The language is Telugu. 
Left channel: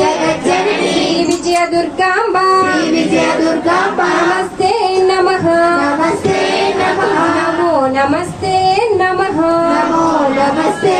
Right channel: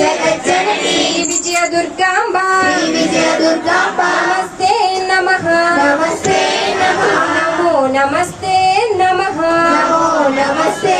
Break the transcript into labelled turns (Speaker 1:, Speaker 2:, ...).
Speaker 1: జగజ్జనని విజయ దుర్గాంబ
Speaker 2: విజయ దుర్గాంబ
Speaker 1: నమస్తే నమస్తే నమ.
Speaker 2: నమస్తే